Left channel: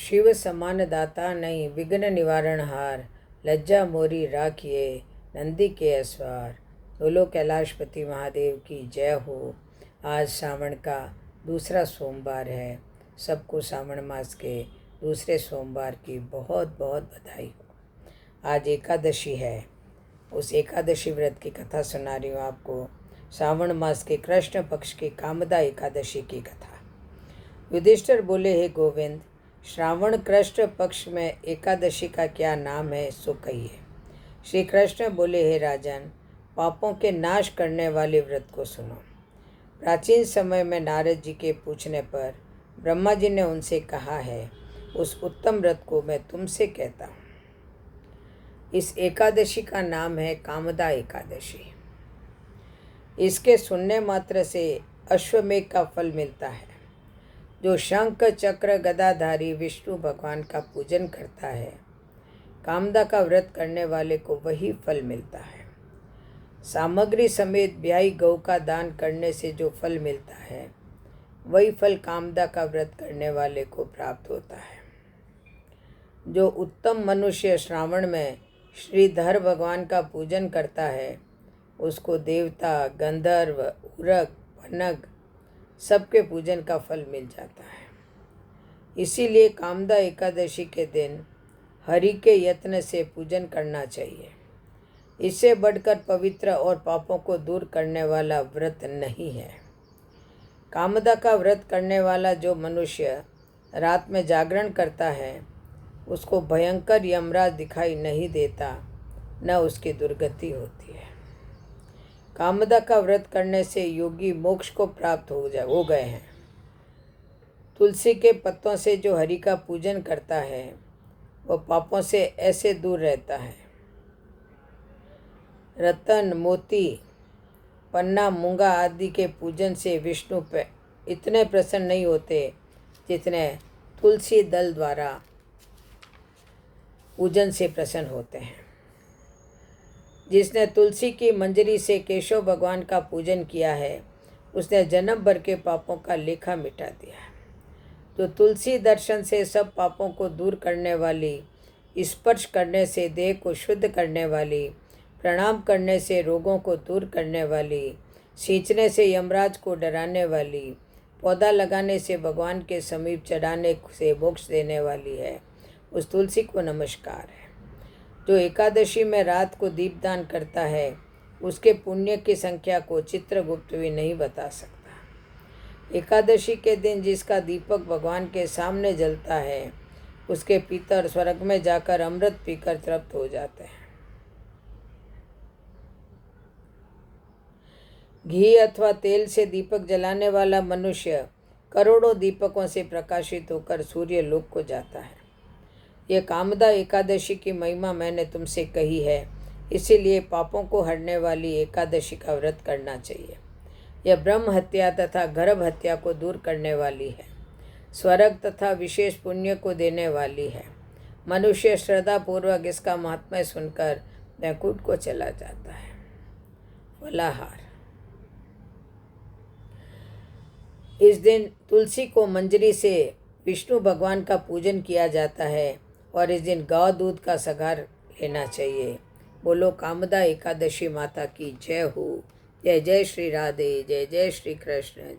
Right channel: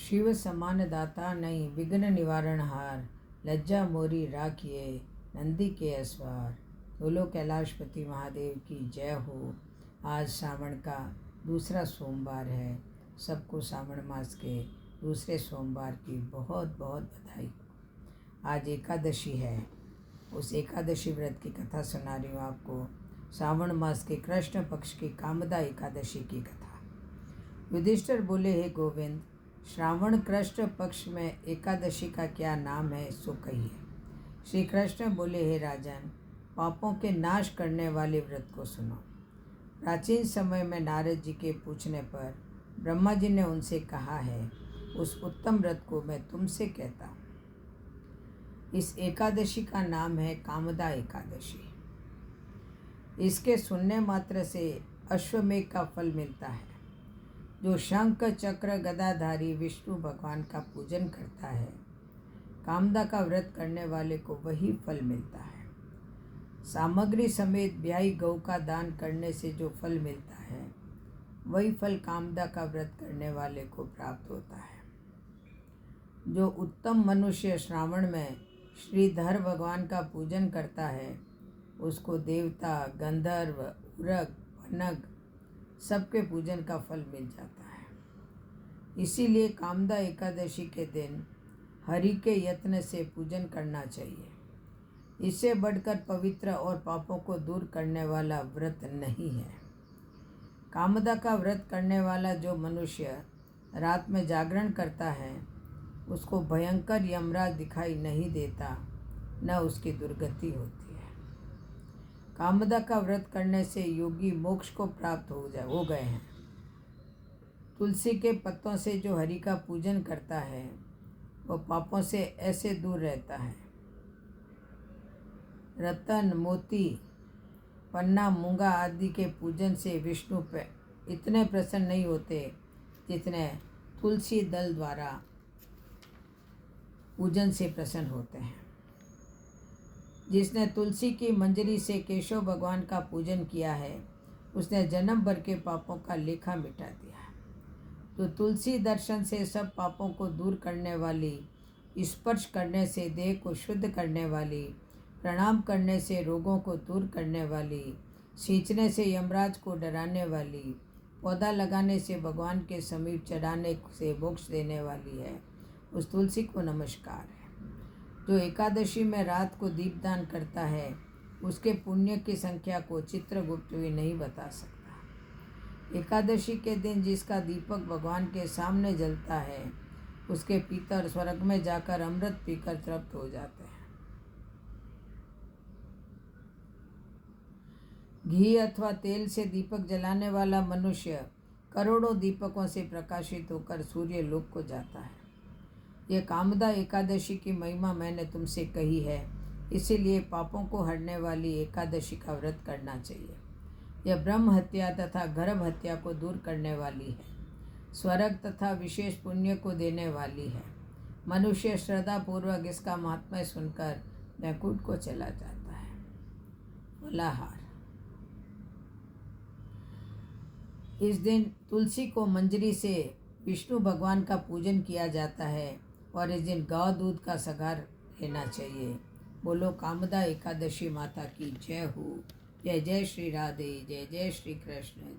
शिव समान दाता नहीं विघ्न निवारण हार, लज्जा मोरी राखिए नंदी के अस्वार। बोलो कैलाशपति महादेव की जय हो। आज सावन का दूसरा सोमवार है। सबको सावन मास के दूसरे सोमवार की बहुत बहुत बधाई हो। आज एकादशी है। उस एकादशी व्रत की कथा सुना रही हूँ आपको। सावन मास के कृष्ण पक्ष की कामदा एकादशी की कथा। युधिष्ठिर बोले, हे गोविंद, श्रावण कृष्ण पक्ष में एकादशी का क्या नाम है सो कहिए। श्री कृष्ण बोले, हे राजन, पापों के नाश करने वाले व्रत को सुनो। प्राचीन समय में नारद जी के पूछने पर ब्रह्मा जी ने उनसे कहा है, उस उत्तम व्रत को मैं तुमसे कहता हूँ। इस एकादशी का नाम है कामदा एकादशी। इसके सुनने मात्र से अश्वमेघ का फल मिलता है। जो शंख चक्र गदाधारी विष्णु भगवान का पूजन करता है, कामदा का व्रत करने वाले को वही फल मिलता है। सामग्री समेत ब्याही गौ का दान करने से जो फल मिलता है, वही फल कामदा का व्रत करने वाले को प्राप्त होता है। जो उत्तम मनुष्य श्रावण में श्रीधर भगवान का पूजन करता है, उसको देवता, गंधर्व, उरग, पनग सबके पूजन का फल मिल जाता है। इसीलिए कामदा एकादशी के दिन हरि के यत्न से पूजन करना चाहिए। इससे बढ़कर पवित्र और पापों को दूर करने वाला व्रत नहीं है। कामदा का व्रत करने वाला जो मनुष्य रात में जागरण करता है, उसको भयंकर यमराज दिखाई नहीं देता, न उसकी दुर्गति होती है। कामदा का व्रत करने से योगी मोक्ष को प्राप्त हो गए हैं। तुलसी के पत्तों से जो हरि का पूजन करता है, वह पापों से ऐसे दूर रहता है। रतन, मोती, पन्ना, मूंगा आदि के पूजन से विष्णु पे इतने प्रसन्न नहीं होते जितने तुलसी दल द्वारा पूजन से प्रसन्न होते हैं। जिसने तुलसी की मंजरी से केशव भगवान का पूजन किया है, उसने जन्म भर के पापों का लेखा मिटा दिया है। तो तुलसी दर्शन से सब पापों को दूर करने वाली, स्पर्श करने से देह को शुद्ध करने वाली, प्रणाम करने से रोगों को दूर करने वाली, सींचने से यमराज को डराने वाली, पौधा लगाने से भगवान के समीप चढ़ाने से मोक्ष देने वाली है, उस तुलसी को नमस्कार है। जो एकादशी में रात को दीपदान करता है, उसके पुण्य की संख्या को चित्रगुप्त भी नहीं बता सकता। एकादशी के दिन जिसका दीपक भगवान के सामने जलता है, उसके पितर स्वर्ग में जाकर अमृत पीकर तृप्त हो जाते हैं। घी अथवा तेल से दीपक जलाने वाला मनुष्य करोड़ों दीपकों से प्रकाशित होकर सूर्य लोक को जाता है। यह कामदा एकादशी की महिमा मैंने तुमसे कही है, इसीलिए पापों को हरने वाली एकादशी का व्रत करना चाहिए। यह ब्रह्म हत्या तथा गर्भ हत्या को दूर करने वाली है। स्वर्ग तथा विशेष पुण्य को देने वाली है। मनुष्य श्रद्धापूर्वक इसका महात्म्य सुनकर वैकुंठ को चला जाता है। फलाहार। इस दिन तुलसी को मंजरी से विष्णु भगवान का पूजन किया जाता है और इस दिन गौ दूध का सगार लेना चाहिए। बोलो कामदा एकादशी माता की जय हो। जय जय श्री राधे, जय जय श्री कृष्ण।